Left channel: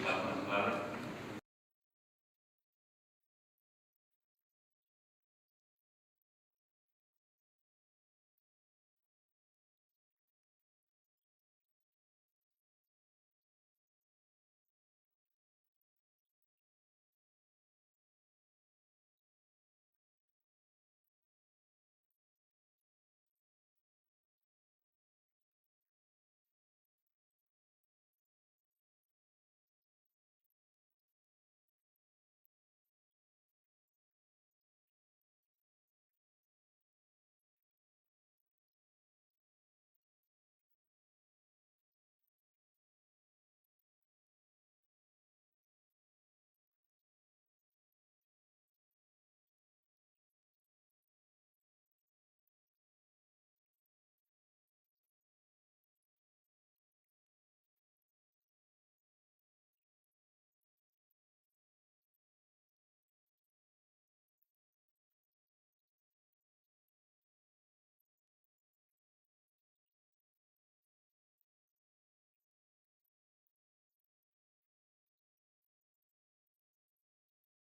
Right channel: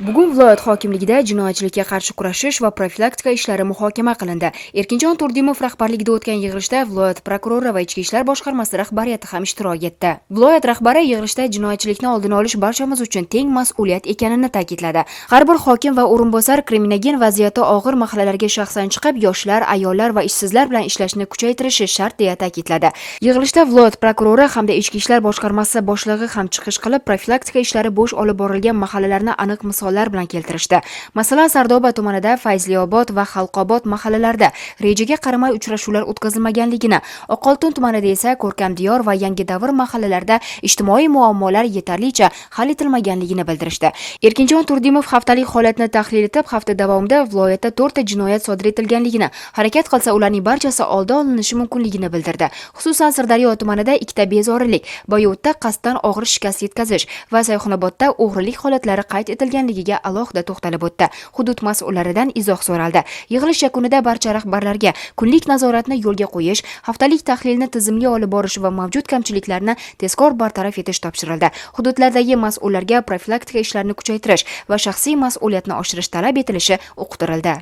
Bugun viloyat hokimligida jinoyatchilikka qarshi kurashish va profilaktika ishlari muhokama qilindi. Erkinjon Turdimov rahbarligida o'tgan yig'ilishda viloyat prokurori va ichki ishlar boshqarmasi rahbariyati ham ishtirok etdi. Viloyat rahbari yig'ilishda jinoyatchilikni oldini olish barchamiz uchun teng mas'uliyat ekanini ta'kidladi. Har bir hokim va o'rinbosar kriminogen vaziyati og'ir mahallalarga shaxsan chiqib, yoshlar, ayollar va ishsizlar bilan ishlashni kuchaytirishi shart deya ta'kidladi. Yig'ilishda viloyat prokurori hamda ichki ishlar boshqarmasi boshlig'i ham chiqish qilib, profilaktika ishlari bo'sh olib borilgan mahallalarni aniq misollar bilan keltirishdi. Masalan, Sardoba tumanida Fayzliobod va Xalqobod mahallalarida rejaga qaramay uchrashuvlar o'tkazilmaganligini, Oqoltin tumanida esa Ko'rkamdiyor va Yangi Davr mahallalarida ijtimoiy muammolar yetarlicha hal etilmaganligini bildirishdi. Erkinjon Turdimov haftalik holatni tahlil etib, hafta davomida viloyatda 4 ta jinoyat sodir etilganligini, harakat qilsa ularning barchasi oldi olinishi mumkinligini bildirdi. Xususan, Sirdaryo tumanida 2 ta bezorilik, Boyovutda qasddan og'ir shikast yetkazish va Sayxunobodda o'g'rilik holatlari qayd etilganligiga alohida to'xtalib o'tdi. Hudud mas'ullaridan izoh so'raldi. Yig'ilish yakunida barcha rahbarlarga kunlik nazoratni yo'lga qo'yish, haftalik tahlilni tizimli olib borish va mavjud kamchiliklarni tezkor bartaraf etish topshirildi. Hududlardagi mas'ullarga profilaktika ishlarini kuchaytirish va shaxsiy mas'uliyatni oshirish talab etilishi uqtirildi.